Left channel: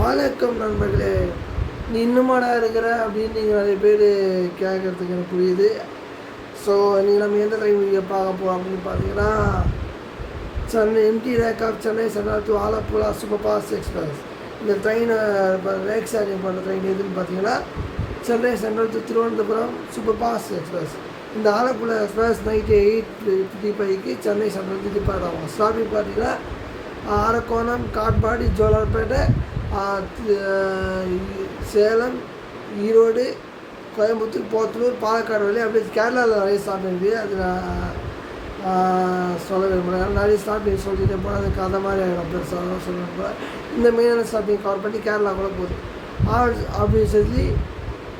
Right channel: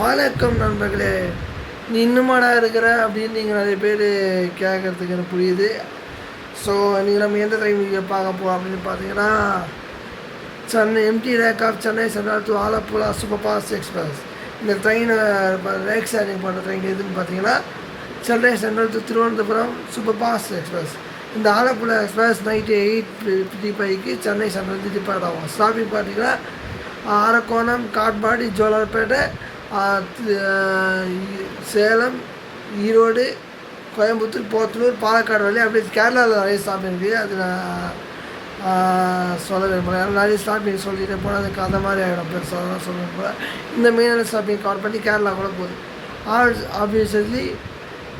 வணக்கம் நண்பர்களே. நீ இன்னுமாடா இருக்கிற அப்படின்னு நீங்கள் நிறைய பேர் கேட்குறதுக்கு எனக்கு புரியுது. ஸோ நீங்கள் நம்ம எந்த ட்ரெயின் வீடியோ பார்க்க போகிறோம் அப்படின்னு பார்த்தீங்கன்னா, Chennai empty rake of Chennai central to Alappuzha super fast express. இந்த ட்ரெயினை ரேக் ஷேரிங் பண்ணுற ட்ரெயின் எதுன்னு பார்த்தீங்கன்னா, Chennai central to Thiruvananthapuram super fast express. இந்த Alappuzha express night 8:55 Chennai central depart ஆகும். ஸ்டாப்பிங் பார்த்தீங்கன்னா அரக்கோணம், காட்பாடி, ஜோலார்பேட்டை, சேலம், ஈரோடு, கோயம்புத்தூர், போத்தனூர், பாலக்காடு வழி அப்படியே கேரளாவில் நிறைய ஸ்டாப்பிங் இருக்குது. அது நான் சொல்ல விரும்புகிறேன். ஏன்னா நிறைய ஸ்டாப்பிங் சொல்லிட்டு போனால் அது கதை மாதிரி ஆகிடும், பெருசாக தான் சொல்ல விரும்புகிறேன். இந்த மெயினான ஸ்டாப்பிங் கவர் பண்ணி கேரளா கூட போகுது. ஆப்வியஸ்லி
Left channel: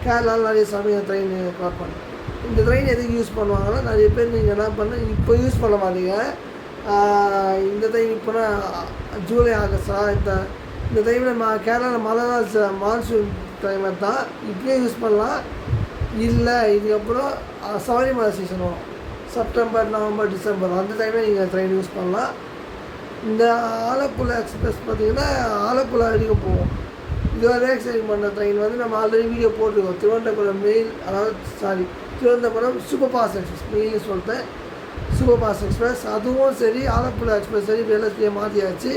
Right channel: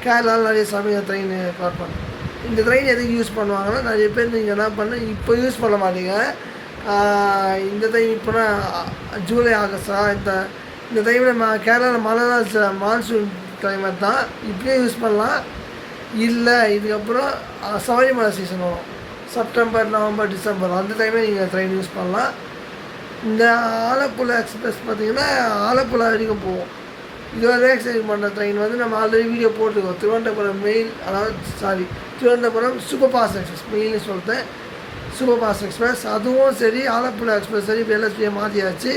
கேரளாவில் நிறைய ஸ்டாப்பிங் ட்ரெயின் கவர் பண்ணும். இந்த ட்ரெயின் எதுக்கு யூஸ் பண்ணுவாங்கன்னா, நிறைய பேர் நீங்கள் என்ன பண்ண இப்போ யூஸ் பண்ண மாட்டீங்க. இந்த டைம் இப்போனா ஜூலை ஆகஸ்டா இந்த டைமில் கேரளாவில் மழை தான், மான்சூன் கிளைமேட் தான். இப்படியே யூஸ் பண்ணலாம். இல்லை இதுக்கப்புறம் சபரிமலை சீசன் வரும், செப்டம்பர், நவம்பர், டிசம்பர், அந்த டைமே நீங்கள் ட்ரெயின் யூஸ் பண்ணலாம். இந்த ஆலப்புழா எக்ஸ்பிரஸ் பார்த்திங்கன்னா ஆலப்புழா வரைக்கும் போகும். இதுவரை ரேக் ஷேரிங் பண்ணுற ட்ரெயின் வந்து நம்ம ஆல்ரெடி வீடியோ போட்டுருக்கோம். Thiruvananthapuram mail, Thiruvananthapuram super fast express மெயில்னு சொல்லிட்டேன். சூப்பர் ஃபாஸ்ட் எக்ஸ்பிரஸ் அதுவும் சரி, ஆலப்புழா எக்ஸ்பிரஸ் சரி, எல்எஸ்பியை மாற்றியாச்சு.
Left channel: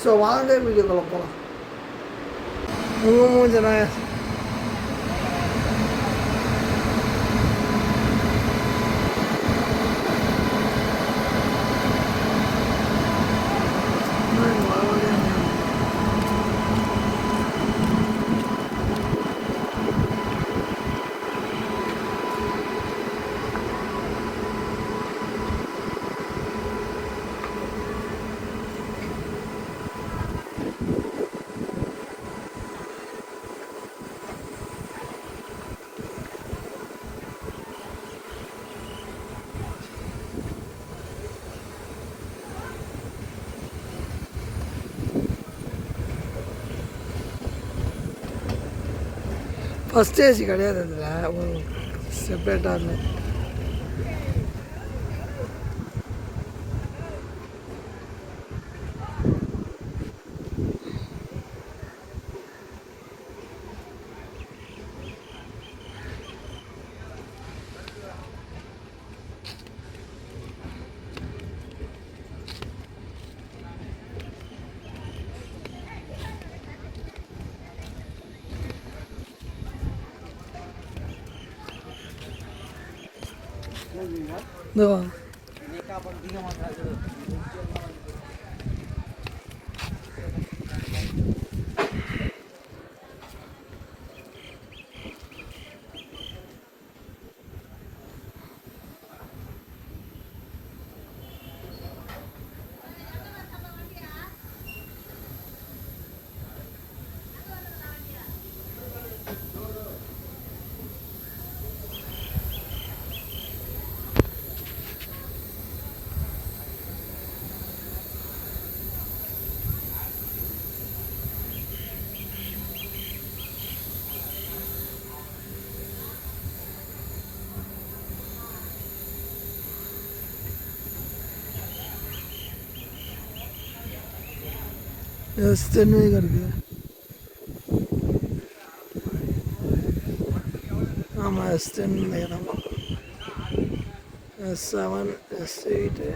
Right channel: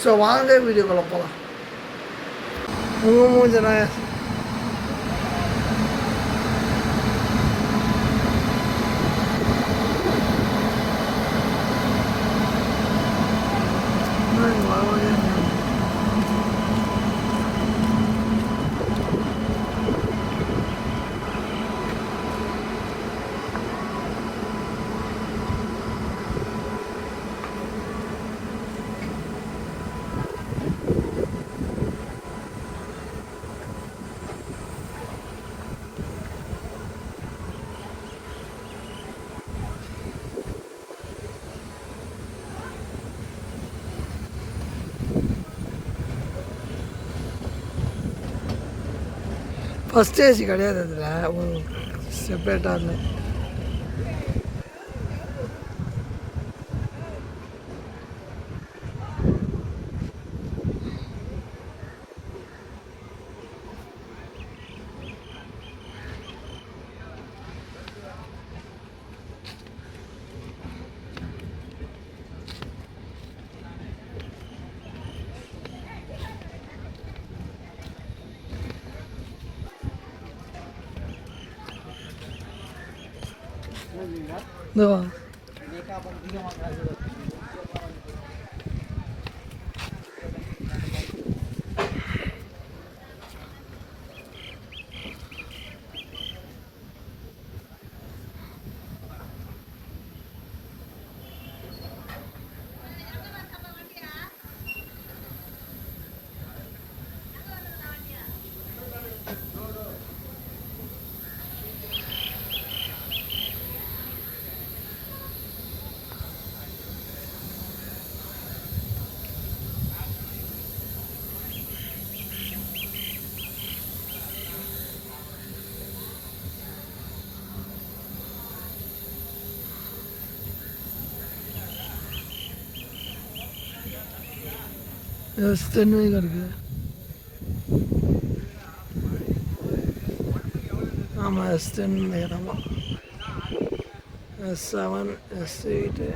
ஸோ வாங்க வீடியோக்குள்ளே போகலாம். மூஞ்சனா ஃபஸ்ட் ஏசி கிடையாது, அதில் செப்பரேட்டாக இல்லை. S10 இருக்கு. ஆமாம், S10 நினைக்கிறேன். S7, S8.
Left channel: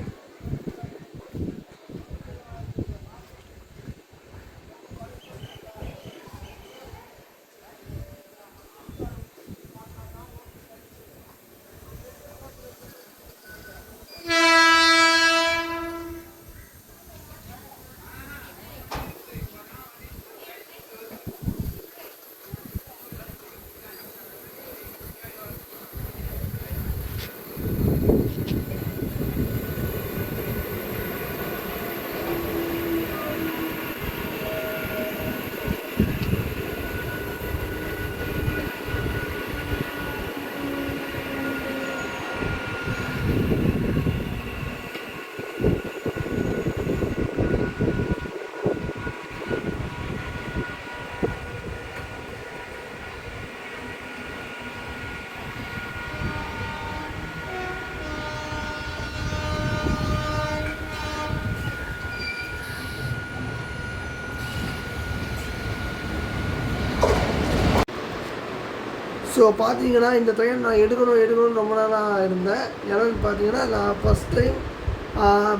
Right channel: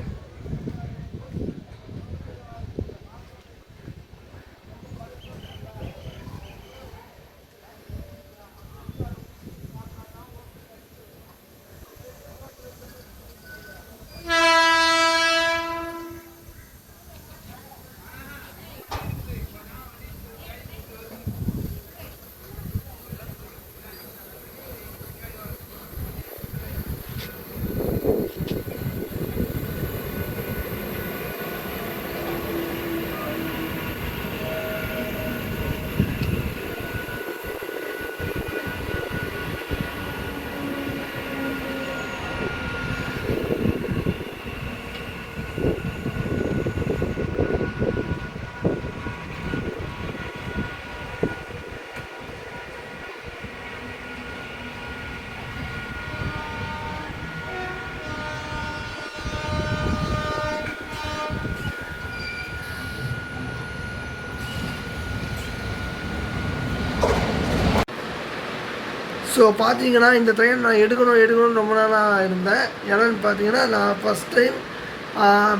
ஸோ பார்த்தீங்கன்னா இந்த ட்ரெயின் நான் எடுக்கணும்னு ரொம்ப நாளாக இருந்தேன். என்னென்னு பார்த்தீங்கன்னா, நான் ஃபஸ்ட் டைம்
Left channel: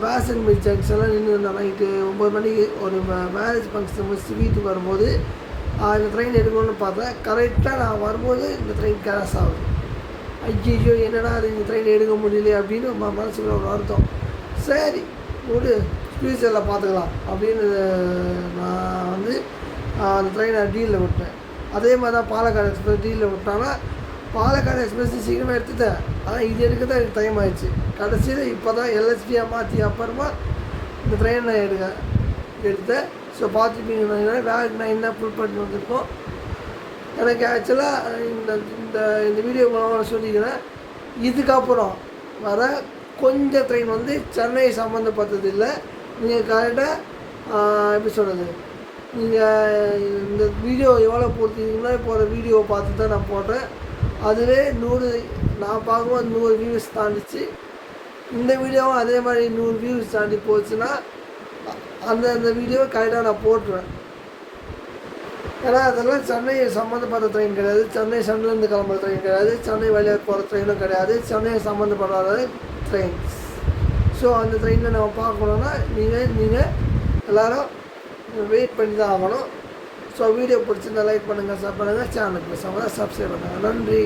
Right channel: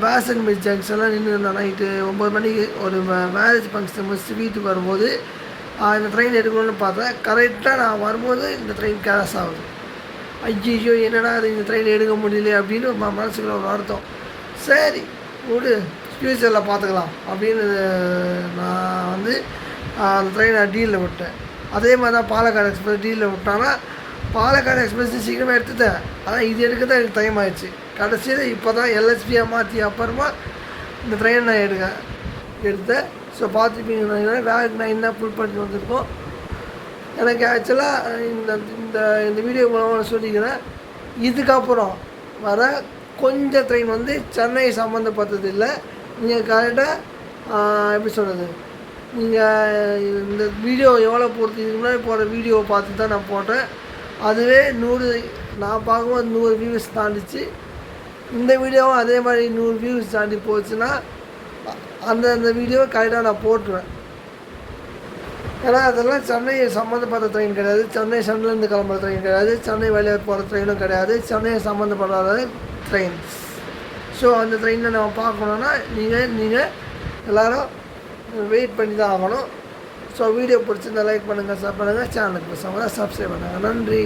பேசன் மில் ஜங்ஷனில் நின்று இருந்தேன். நைட்டு 9 மணிக்கு ஒரு மேரேஜ் ஃபங்க்ஷன் முடிச்சுட்டு வீட்டுக்கு வரும்போது இந்த ட்ரெயின் எடுக்கணும்னு பார்த்தேன். கரெக்டாக நான் வரும்போது இந்த ட்ரெயின் கேன்சல் ஆகுது. ஐயோ என்னடா அது இந்த ட்ரெயின் எடுக்க முடியல அப்படின்னு மனசுக்குள்ள ஒரு வருத்தம். சரி விடு, ஃப்யூச்சரில் பார்த்துக்கலாம் அப்படின்னு நான் வந்து அந்த ட்ரெயினை டீலில் விட்டேன். அதே மாதிரி தான் பாலக்காடு எக்ஸ்பிரஸ் டீலில் விட்டாங்கன்னா, பாலக்காடு எக்ஸ்பிரஸ் சீக்கிரமாக எடுத்துட்டேன். ஆனால் இது எடுக்க தான் எனக்கு டைம் ஆகிடுச்சு. கடைசியில் இப்போ தான் எல்எஸ்பியாக மாற்றி அப்புறமா இந்த ட்ரெயின் நான் எடுத்தேன். ஸோ பார்த்துப்பீங்கன்னா வேலைக்கு நான் என்ன ஃபுல் பண்ணி வந்திருக்கோம். எனக்கு ஆக்சுவலாக இந்த வீடியோ மூலமாக சொல்லிக்கிறேன், இதுக்கப்புறம் வர கொஞ்சம் ட்ரெயின் வந்து சென்னை சம்மந்தப்பட்டது இல்லை. நீங்கள் கரெக்டாக எப்படி சொல்கிறது, நீங்கள் இந்த வீடியோ எவ்வளோ பொறுத்து இதுக்கு முன்னாடி போகிற வீடியோவை பார்த்து தான் நான் போட்டேன். அதுவே 100 நான் பார்க்கும்போது 100 வியூஸ் தாண்டிச்சு. இந்த வீடியோவும் அதே மாதிரி 100 வியூஸ் தாண்டி போச்சுன்னா அந்த வீடியோவை கரெக்டாக நான் போட்டுருவேன். ஏன்னா அதெல்லாம் சென்னை சம்மந்தப்பட்ட ட்ரெயின் கிடையாது, சென்னை சென்னையிலேருந்து கிளம்புற ட்ரெயின் கிடையாது, சென்னை வழியாக போகிற ட்ரெயினும் கிடையாது, சென்னை சம்மந்தப்படாத ட்ரெயின்ஸ். ஸோ அந்த ட்ரெயினில் நம்ம பார்க்கணுன்னா நீங்கள் எல்லோரும் வெயிட் பண்ணி தான் ஆகணும். ஸோ வீடியோ பிடிச்சிருந்தா லைக் பண்ணுங்கள், ஷேர் பண்ணுங்கள், சேனலுக்கு சப்ஸ்கிரைப் பண்ணுங்கள். நன்றி.